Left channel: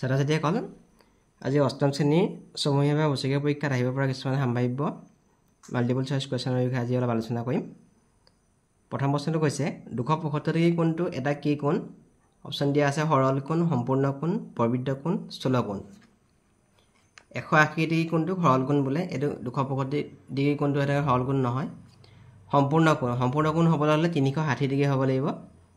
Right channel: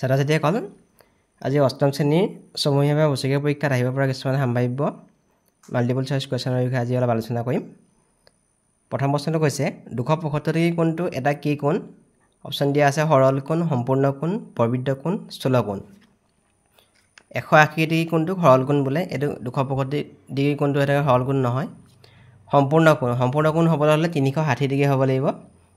ছাত্ৰ-ছাত্ৰীসকল আজি অষ্টম শ্ৰেণীৰ সমূহীয়া বছৰীয়া পৰীক্ষাত আহিব পৰা কিছুমান সম্ভাৱ্য মাল্টিপল চইচ কুৱেশ্যনৰ বিষয়ে আজি অলপ আলোচনা কৰিম। প্ৰথম প্ৰশ্নটো কৈছে 275 ডিগ্ৰী কোণটো এটা কি কোণ? অপশ্যন দিয়া আছে সৰল কোণ, সম্পূৰ্ণ কোণ, প্ৰবৃদ্ধ কোণ, স্থূল কোণ। 180 ডিগ্ৰী কোণটো সৰল কোণ বোলে। এইটো 275 ডিগ্ৰী কোণটো এটা সৰল কোণ নহয়। সম্পূৰ্ণ কোণ হ'বলৈ হ'লে 360 ডিগ্ৰী হ'ব লাগিব।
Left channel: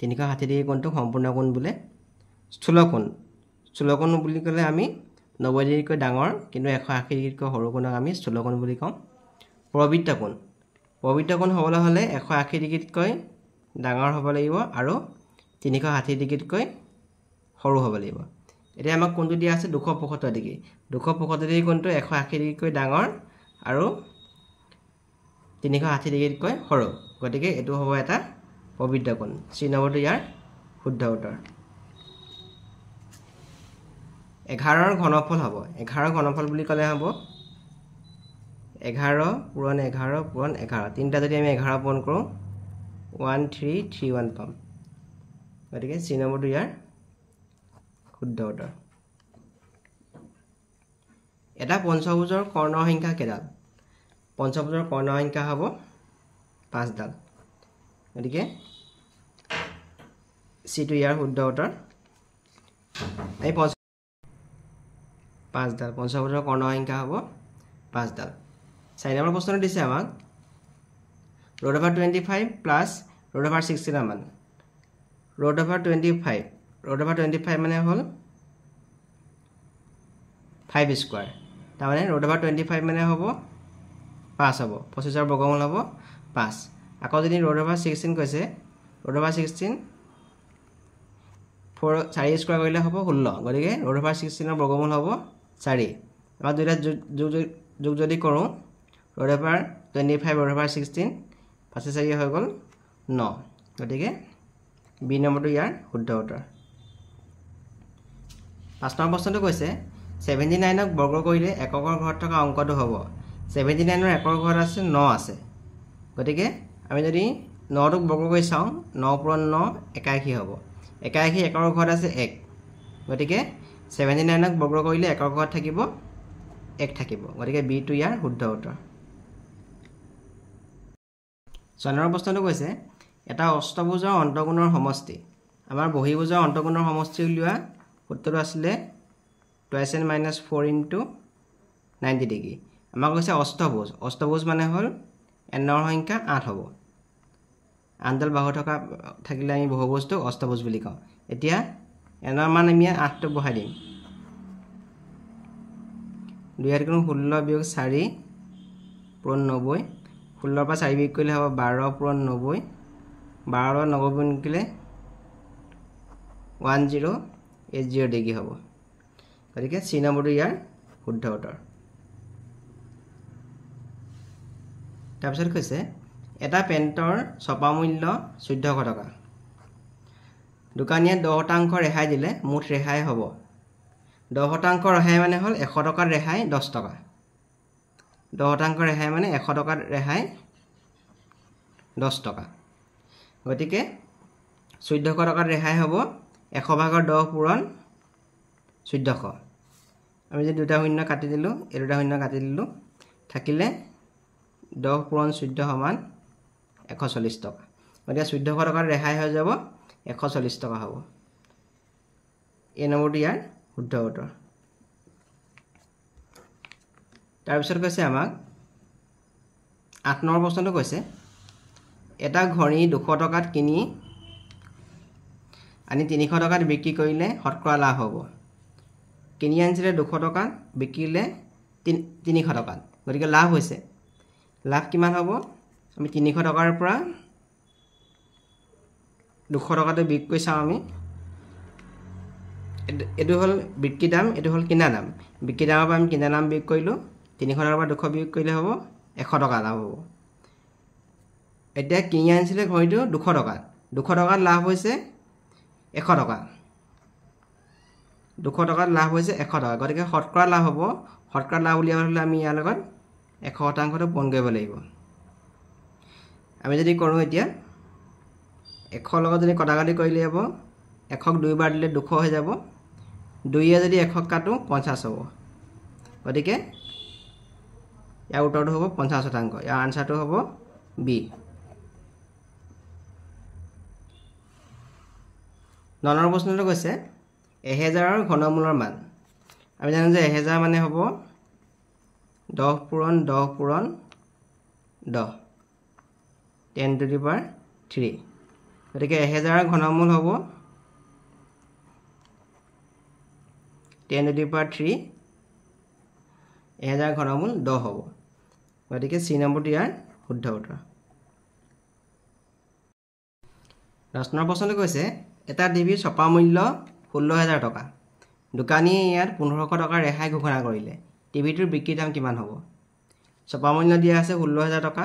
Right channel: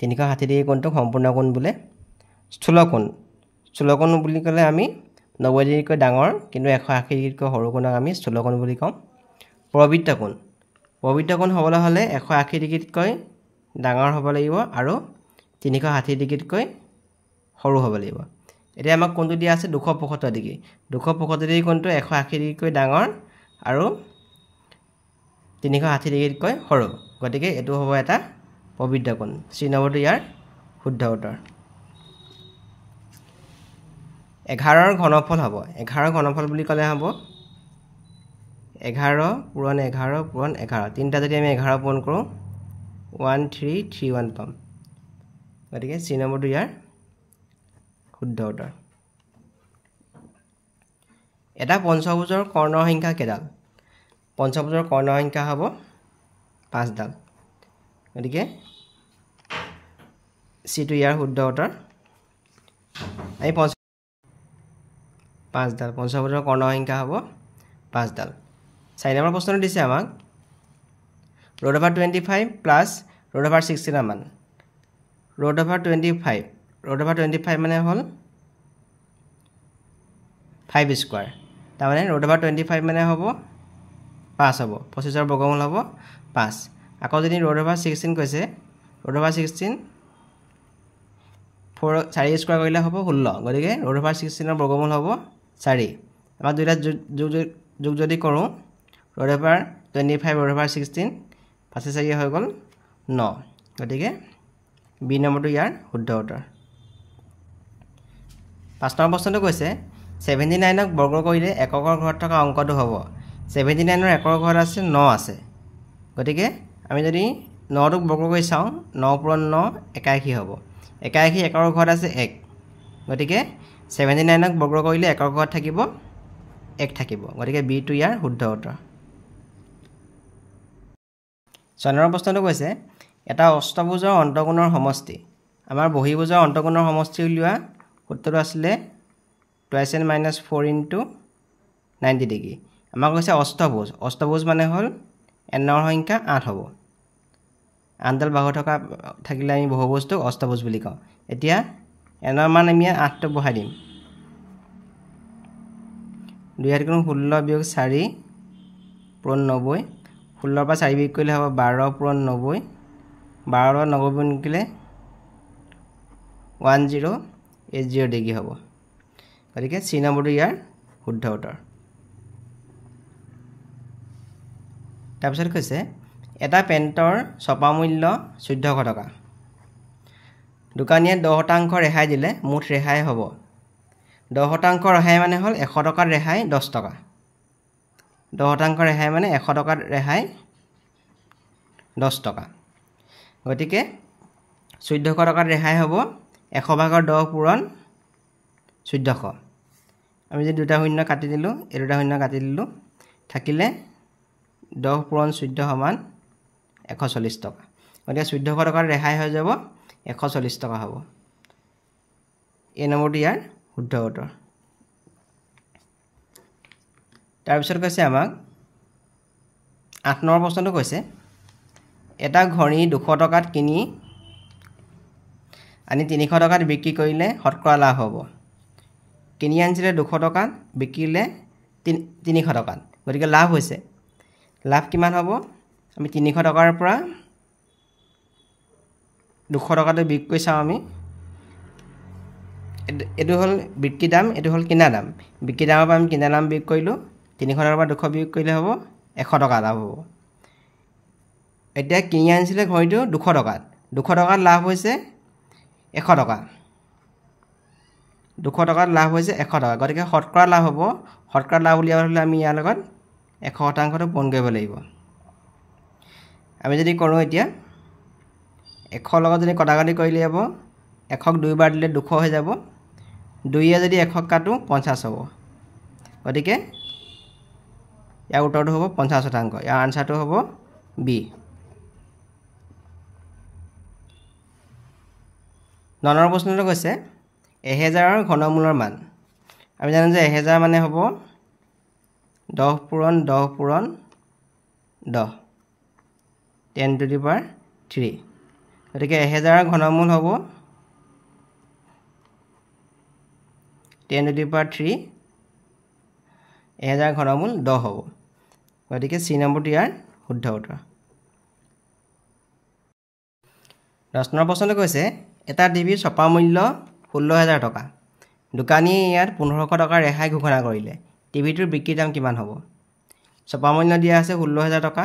360 ডিগ্ৰী কোণটো সম্পূৰ্ণ কোণ বোলে। স্থূল কোণ বুলি ক'লে আমি 90 ডিগ্ৰীতকৈ ডাঙৰ কিন্তু 180 ডিগ্ৰীতকৈ সৰু কোণক আমি স্থূল কোণ বুলি কওঁ। প্ৰবৃদ্ধ কোণ হ'বলৈ হ'লে 180 ডিগ্ৰীতকৈ ডাঙৰ হ'ব লাগিব আৰু 360 ডিগ্ৰীতকৈ সৰু হ'ব লাগিব। এতিয়া আমাক কোণটো দিয়া আছে 275 ডিগ্ৰী। 275 ডিগ্ৰী কোণটো 180 ডিগ্ৰীতকৈ ডাঙৰ আৰু 360 ডিগ্ৰীতকৈ সৰু। গতিকে এইটো হ'ব এটা প্ৰবৃদ্ধ কোণ। C নম্বৰটো ইয়াৰ শুদ্ধ উত্তৰ। 11ৰ ঘনফল হ'ব। 11ৰ ঘনফল বুলি ক'লে হ'ব 11 পূৰণ 11 পূৰণ 11। তিনিটা যদি আমি 11 পূৰণ কৰোঁ 1331 পাম। গতিকে C নম্বৰটো ইয়াৰ শুদ্ধ উত্তৰ। এটা পঞ্চভুজৰ কৰ্ণৰ সংখ্যা কেইডাল? পঞ্চভুজৰ কৰ্ণৰ সংখ্যা হ'ব 5ডাল। গতিকে Cটো ইয়াৰ শুদ্ধ উত্তৰ। আমি 5ডাল পঞ্চভুজৰ কৰ্ণৰ সংখ্যা হ'ব 5ডাল। 4 নম্বৰ প্ৰশ্নটো দিছে আমাক √25 প্লাছ √16 মান। √25 মানে হ'ল 5 স্কোৱাৰ। তাৰমানে √25 মানে হ'ব 5 হ'ব। 25ৰ বৰ্গমূল হ'ব 5। আকৌ যদি √16 কৈছে √16 4 স্কোৱাৰ কৰিলে হ'ব 16। গতিকে √16ৰ বৰ্গমূল হ'ব 4। আমাৰ দুইটা যোগ যদি কৰোঁ √25 √16 5 4 হৈ গ'ল 9। গতিকে B নম্বৰটো ইয়াৰ শুদ্ধ উত্তৰ। 5 নম্বৰ প্ৰশ্নটো কৈছে 79ক বৰ্গ কৰিলে এককৰ ঘৰত থকা অংকটো হ'ব। 79ৰ একৰ ঘৰত আছে 9 আছে। গতিকে আমি যদি 9টোক বৰ্গ কৰি চাওঁ 9 পূৰণ 9 81 হ'ব। 81 একৰ ঘৰত আছে 1। গতিকে 79ক বৰ্গ কৰিলে একৰ ঘৰত থাকিব 1 থাকিব। গতিকে Bটো ইয়াৰ শুদ্ধ উত্তৰ। 6 নম্বৰ প্ৰশ্নটো কৈছে এটা অষ্টভুজৰ অন্তঃকোণৰ সমষ্টি। আমাৰ বহিভুজৰ অন্তঃকোণৰ সমষ্টি উলিওৱা সূত্ৰটো আছিলে 2n - 4 × 90 ডিগ্ৰী। আমাক কৈছে অষ্টভুজ মানে হ'ল nৰ সংখ্যা 8 হ'ব। 8ডাল বাহু থাকিলে আমি বহুভুজটো অষ্টভুজ বুলি কওঁ। এতিয়া nৰ মান আমি 8টো বহাই দিম। 2 × 16 - 4 পূৰণ 90। 16ৰ পৰা 4 বিয়োগ কৰিলে হ'ব 12 পূৰণ 90। 12 লগত 90 গুণ কৰিলে 1080 ডিগ্ৰী হ'ব। গতিকে C নম্বৰটো ইয়াৰ শুদ্ধ উত্তৰ। তাৰপিছত কৈছে এটা পেণ্টৰ ছপা মূল্য 1400 টকা। দোকানীয়ে 10% ৰেহাই দিলে মুঠ ৰেহাই হ'ব। 10% ৰেহাই মানে হ'ল 100 টকাত ৰেহাই 10 টকা। 10% ৰেহাই মানে 100 টকাত ৰেহাই 10 টকা। গতিকে 1400 টকাত ৰেহাই হ'ব 100/10 পূৰণ 1400। আমি যদি দুটা শূন্য কাটি দিলোঁ এই দুটা শূন্য কাটি দিলোঁ থাকিলে 10 পূৰণ 14 সমান 140 টকা। গতিকে 1400 টকাত ৰেহাই হৈ যাব 140 টকা হ'ব। এই নম্বৰটো ইয়াৰ শুদ্ধ উত্তৰ। তাৰপিছত কৈছে আমাক 8 নম্বৰ প্ৰশ্নটো কৈছে এটা ঘড়ী 200 টকাত কিনি আনি 300 টকাত বিক্ৰী কৰিলে শতকৰা লাভ হ'ব। কিনি আনিছিলে 200 টকাত বিকিলে 300 টকাত। গতিকে লাভ হৈছে। লাভ কিমান হ'ব? আমি 300 টকাৰ পৰা 200 টকাটো বিক্ৰী কৰি চাওঁ। আমি এইটো হ'ল বিক্ৰী দাম, এইটো হ'ল কিনা দাম। বিক্ৰী দামৰ পৰা আমি কিনা দাম বিয়োগ কৰিলোঁ। 300 টকাৰ পৰা 200 বিয়োগ কৰিলে হ'ব 100 টকা লাভ হ'ব। এতিয়া কিনি আনিছিলে ঘড়ীটো 200 টকাত। 200 টকাত লাভ হৈছে 100 টকা। 200 টকাত লাভ হৈছে 100 টকা। গতিকে শতকৰা লাভ হ'ব। শতকৰা লাভ উলিয়াবলৈ হ'লে আমি ইয়াৰ লগত 100%টো পূৰণ কৰিব লাগিব। আমি যদি কৰোঁ এতিয়া 100 লগত যদি কটাকটি কৰিলে হ'ব 100ক 2 বাৰ দিলে 200 হৈ যাব। 2 যদি 1 কাটো 50 হ'ব গতিকে ইয়াৰ উত্তৰটো হ'ব 50%। ইয়াৰ আনসাৰটো হ'ব বি। 9 নম্বৰ প্ৰশ্নটো কৈছে 1000ৰ ঘনমূলৰ মান। আমি জানো যে 1000 মানে হ'ব 10 পূৰণ 10 পূৰণ 10 10 টু দি পাৱাৰ 3 গতিকে 1000ৰ ঘনমূল হ'ব 10 টু দি পাৱাৰ 3 1000 ঘনমূল 10 হ'ব গতিকে সি নম্বৰটো ইয়াৰ শুদ্ধ উত্তৰ। 10 নম্বৰ প্ৰশ্নটো কৈছে এটা টিভিৰ ছপা মূল্য 16000 টকা। দোকানীয়ে ইয়াত 1500 টকা ৰেহাই ঘোষণা কৰিলে টিভিটোৰ বিক্ৰী দাম কিমান হ'ব? ছপা মূল্য দিয়া আছে 16000 টকা,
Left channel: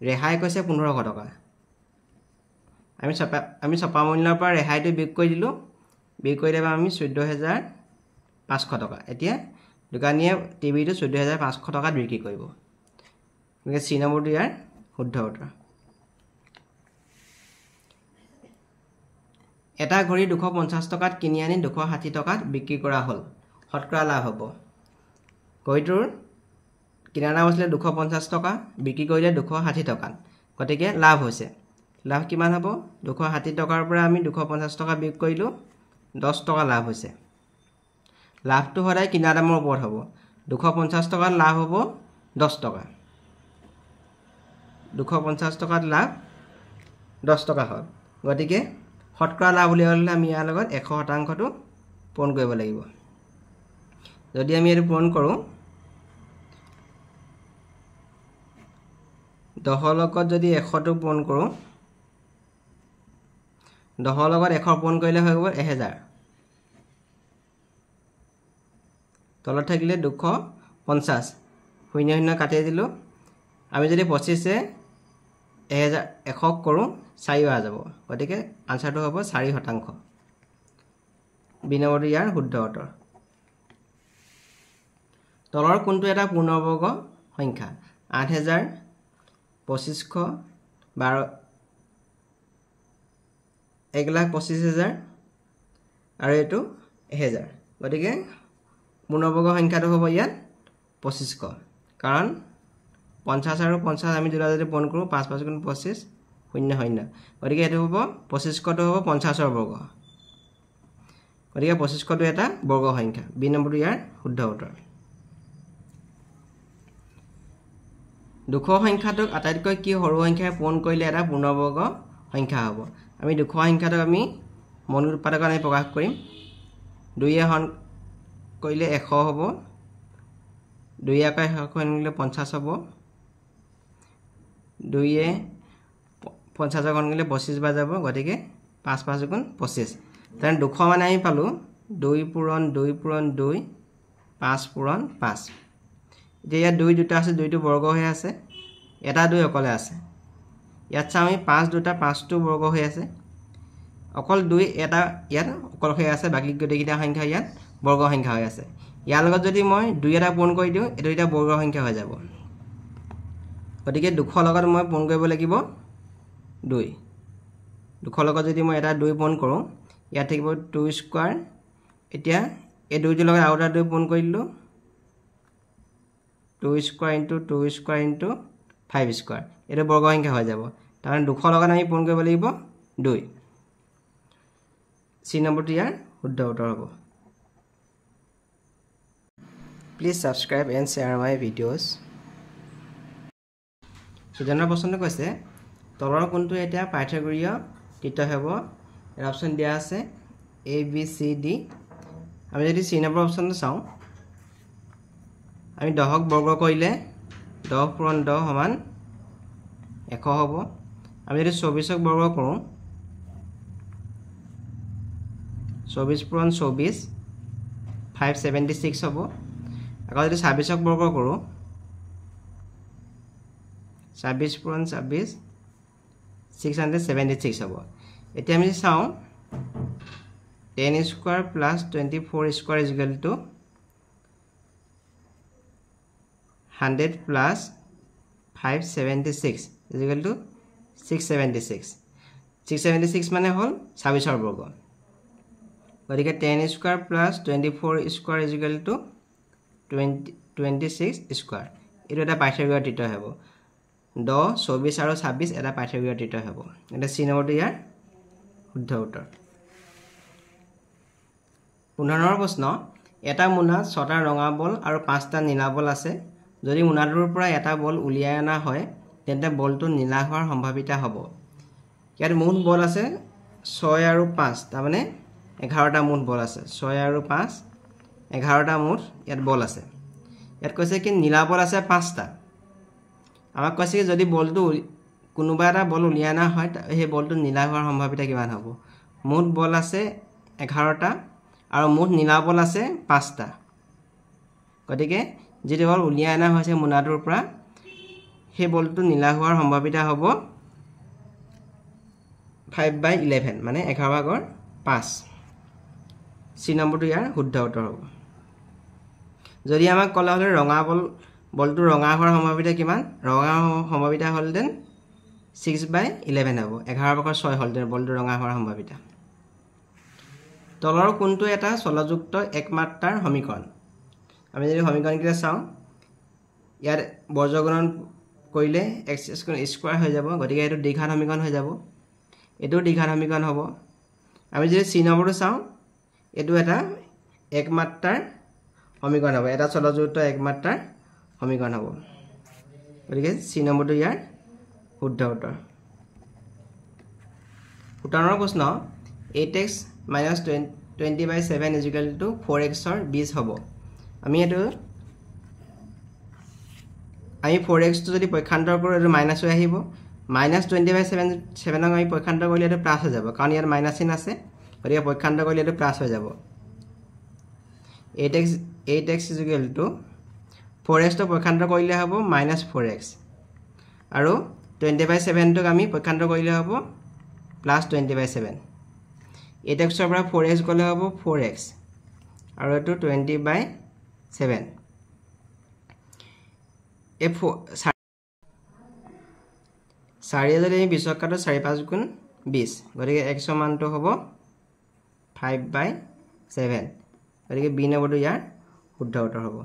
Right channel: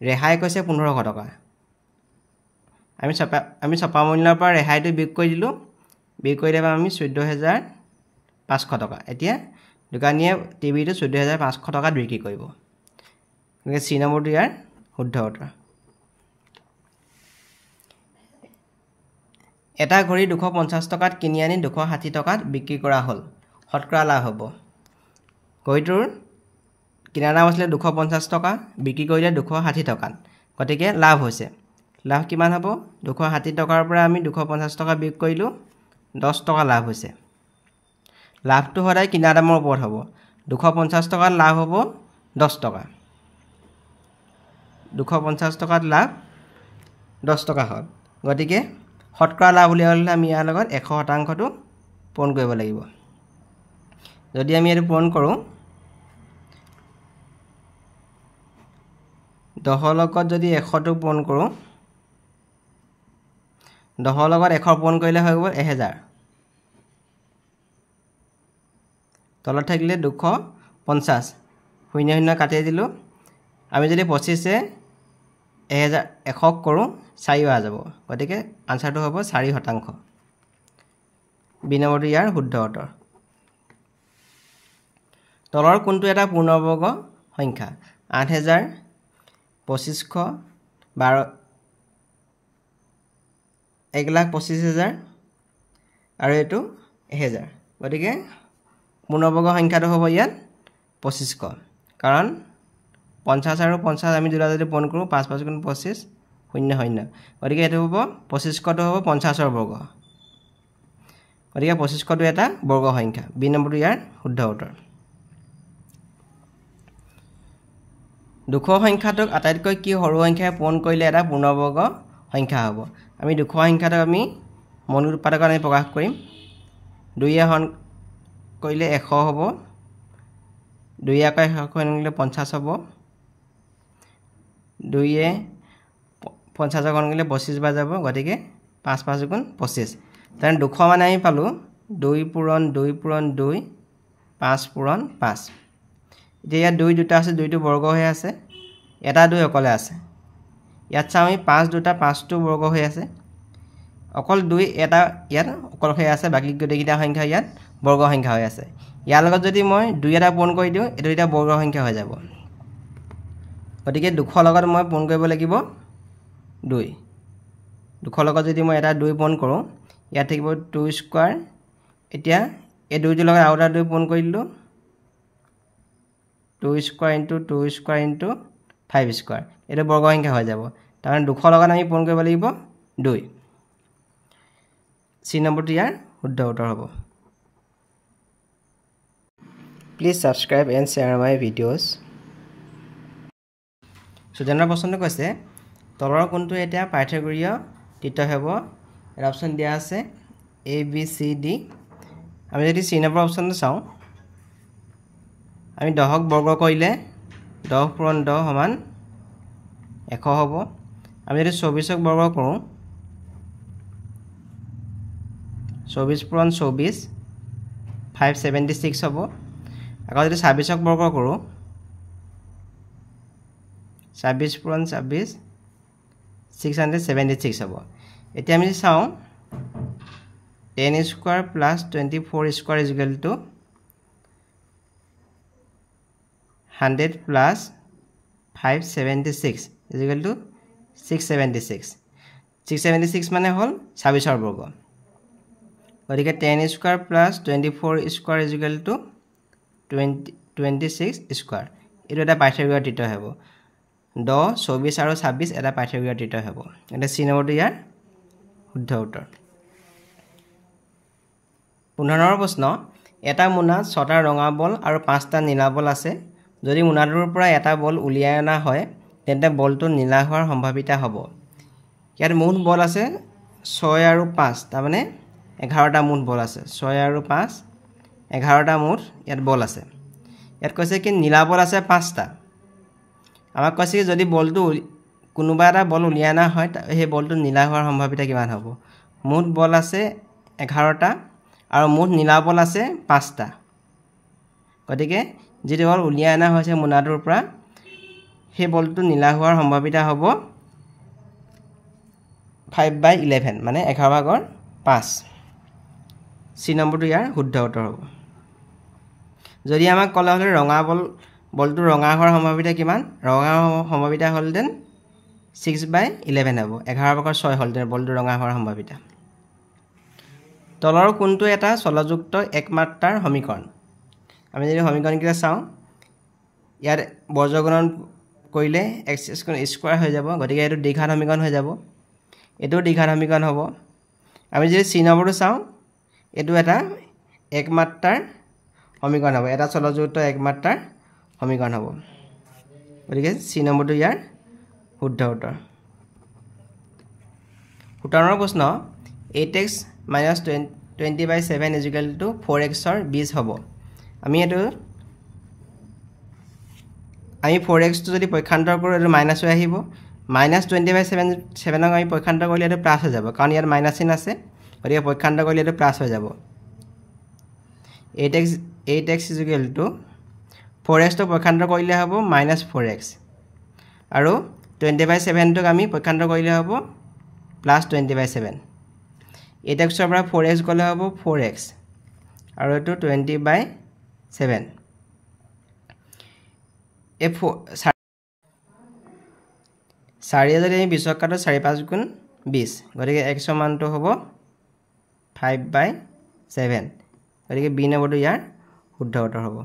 ৰেহাই কৈছে 1500 টকা। আমি ছপা মূল্যৰ পৰা ৰেহাইটো বিয়োগ কৰি দিলোঁ, বিয়োগ কৰি দিলে আমি 14500 টকা। এতিয়া দোকানীয়ে টিভিটো 14500 টকাত বিক্ৰী কৰিব গতিকে সি নম্বৰটো ইয়াৰ শুদ্ধ উত্তৰ। এটা ঘড়ী 250 টকাত কিনি আনি 260 টকাত বিক্ৰী কৰা হ'ল, শতকৰা লাভ হ'ব। ঘড়ীটোৰ কিনাৰ দাম আছিলে 250 টকা, বিক্ৰী কৰিলে 260 টকাত, গতিকে লাভ হৈছে। লাভ কিমান হ'ব? 260 টকাৰ পৰা আমি 250 টকা বিয়োগ কৰিলোঁ, 10 টকা লাভ হৈছে। লাভটো সদায় কিনাৰ দামৰ ওপৰত হ'ব। 250 টকাত লাভ হ'ব 10 টকা, 250 টকাত লাভ 10 টকা হ'ল। গতিকে শতকৰা লাভ উলিয়াবলৈ আমি ইয়াৰ লগত 100%টো পূৰণ কৰিব লাগিব। যদি আমি এইটো পূৰণ কৰোঁ 10 লগত যদি 100টো পূৰণ কৰোঁ, 10 লগত 100 পূৰণ কৰিলে হৈ গ'ল 1000, তলত থাকিলে 250, 0 0 কাটি দিলোঁ। আমি যদি 25 100 কৰোঁ 4 অহা যাব গতিকে আনসাৰটো হ'ব 4%। বি নম্বৰটো ইয়াৰ শুদ্ধ উত্তৰ। তলৰ কোনটো এটা পূৰ্ণবৰ্গ সংখ্যা? 8000, 2500, 1,25,000 আৰু এইটো 1000 গতিকে পূৰ্ণবৰ্গ সংখ্যাটো হ'ব ইয়াত 2500, কাৰণ 50 আৰু 50 আমি দুটা যদি পূৰণ কৰোঁ 5 5 গুণ 25 0 0 গতিকে এইটো হ'ব 2500টো হ'ব 50ৰ বৰ্গ গতিকে 2500টো এটা বৰ্গ সংখ্যা। বি নম্বৰটো ইয়াৰ শুদ্ধ উত্তৰ। 200 সংখ্যাটোক আটাইতকৈ কি সৰু সংখ্যাৰে পূৰণ কৰিলে এটা পূৰ্ণবৰ্গ সংখ্যা হ'ব? আমি 200 সংখ্যাটোক আমি মৌলিক উৎপাদকত আমি প্ৰকাশ কৰিম। 2 হৰণ কৰিলে 100 হ'ব, 2 আকৌ 100 কৰিলে 50 হ'ব, 2 50 হৰণ কৰিলে 25 বাৰ যাব গতিকে 5 5 গুণ 25। তেনে 200 মানে আমি পালোঁ 2 পূৰণ 2 পূৰণ 2, 5 পূৰণ 5। এতিয়া ইয়াত 2 দুটা আছে, 2টো বৰ্গ হৈ আছে, এটা 2 অকলে আছে। ইয়াত চাওঁ আমি 5 দুটা 5টো বৰ্গ হৈ আছে, অকল 2 এটা ইয়াত অকল হৈ আছে, বাকী গোটেইকেইটা সংখ্যা ইয়াত বৰ্গ সংখ্যা হৈ আছে। ইয়াৰ লগত যদি মই 2 এটা পূৰণ কৰি দিওঁ এইটো এটা বৰ্গ সংখ্যা হৈ যাব গতিকে 200 লগত মই পূৰণ কৰিব লাগিব 2। 200 লগত যদি মই এটা 2 পূৰণ কৰোঁ ইয়াত থাকিব 2 স্কোৱাৰ। এতিয়া এই 2টোৰ লগত আৰু এটা 2 পূৰণ কৰি দিলোঁ, 2 square into 2 square into 5 square, এইটো বৰ্গ সংখ্যা হৈ যাব। তাৰমানে 200 লগত আমি পূৰণ কৰিব লাগিব 2। সি নম্বৰটো ইয়াৰ শুদ্ধ উত্তৰ হ'ব। Please subscribe and share my videos. 14 প্ৰশ্নটো কৈছে তলৰ কোনটো এতিয়া পাইথাগোৰীয় তীৰ্থ হ'ব? এটা অপশ্যন দিয়া আছে ABCD। আমি যদি চি নম্বৰ অপশ্যনটো চাওঁ, আমি 10ক বৰ্গ কৰিলে 10 পূৰণ 10 সমান 100 হ'ব। আমি যদি 24ক বৰ্গ কৰোঁ 24 পূৰণ 24 576 হ'ব। আকৌ যদি 26ক বৰ্গ কৰোঁ 26 পূৰণ 26 676 হ'ব। এতিয়া আমি চাওঁ 10 square plus 24 square is equal to 100 plus 576 is equal to 676। 676 মানে হ'ল 26ৰ বৰ্গ গতিকে 10 square plus 24 square is equal to 26 square এইটো এটা পাইথাগোৰাছ ত্ৰিতয় হ'ব 10 24 আৰু 26 এটা পাইথাগোৰাছ ত্ৰিতয় হ'ব এটা চি নম্বৰটো ইয়াৰ শুদ্ধ উত্তৰ 15 প্ৰশ্ন এটা মোনাত 6টা ৰঙা বল আৰু 5টা নীলা বল আছে যদি মোনাটোৰ পৰা এটা বল উলিয়াই অনা হয় তেন্তে বলটো নীলা হোৱাৰ সম্ভাৱিতা হ'ব ইয়াত মুঠ বল আছে 6 আৰু 5 তাৰ মানে 11টা মুঠ বল আছে 6 আৰু 5 11টা মুঠ ইয়াত বল আছে ইয়াত কৈছে কি নীলা বল আছে 5টা আমাক কৈছে কি যদি বলটো কোনোবা এটা বল উলিয়াই অনা হয় সেই বলটো নীলা হোৱাৰ সম্ভাৱিতা কিমান হ'ব মুঠ বল আছে 11টা আৰু মুঠ নীলা বল আছে 5টা গতিকে যিটো বল উলিয়াই অনা হৈছে মোনাটোৰ পৰা সেই বলটো নীলা হোৱাৰ সম্ভাৱিতা হ'ব 5/11 মানে 11/5 চি নম্বৰটো ইয়াৰ শুদ্ধ উত্তৰ হ'ব যদি আমাক ক'লে হ'লে ৰঙা বলটো ৰঙা হোৱাৰ সম্ভাৱিতা কিমান ৰঙা সম্ভাৱিতা হ'লহেঁতেন 6/11 হ'ব 11/6 হ'লহেঁতেন বলটো ৰঙা হোৱাৰ সম্ভাৱিতা তলৰ কোনটো এটা চলযুক্ত একমাত্ৰাৰ সমীকৰণ আমি যদি সমীকৰণকেইটা চাওঁ ইয়াত বৰ্গগুণন কৰিলে x স্কোৱাৰ হৈ যাব গতিকে এইটো দ্বিঘাত সমীকৰণ হৈ যাব এইটো দ্বিঘাত সমীকৰণ হ'ব আমি যদি চি নম্বৰটো চাওঁ এইটো এটা একমাত্ৰাৰ সমীকৰণ হ'ব এটা চলযুক্ত একমাত্ৰাৰ সমীকৰণ হ'ব গতিকে চি নম্বৰটো ইয়াৰ শুদ্ধ উত্তৰ 17 প্ৰশ্ন 8x minus 20/7 is equal to 4x or বীজ হ'ব আমি 4x টো যদি পক্ষান্তৰ কৰোঁ এইটো মাইনাছ হৈ আহিব minus 20/7 আমি পক্ষান্তৰ কৰিলে এইটো প্লাছ হৈ যাব কাৰণ ইয়াত মাইনাছ চিন আছে গতিকে পক্ষান্তৰ কৰিলে এইটো প্লাছ হৈ যাব 8x is equal to 4x টো পক্ষান্তৰ কৰিলে হ'ব -4x আৰু 20/7 টোক আমি পক্ষান্তৰ কৰিলে হ'ব +20/7 8x ৰ পৰা 4x গ'লে হ'ব 4x আৰু এইটো 20/7 এই 4 যদি আমি 20 কাটো 4 5 গুণ 20 গতিকে x ৰ মানটো হ'ব 5/7 গতিকে বি নম্বৰটো ইয়াৰ শুদ্ধ উত্তৰ হ'ব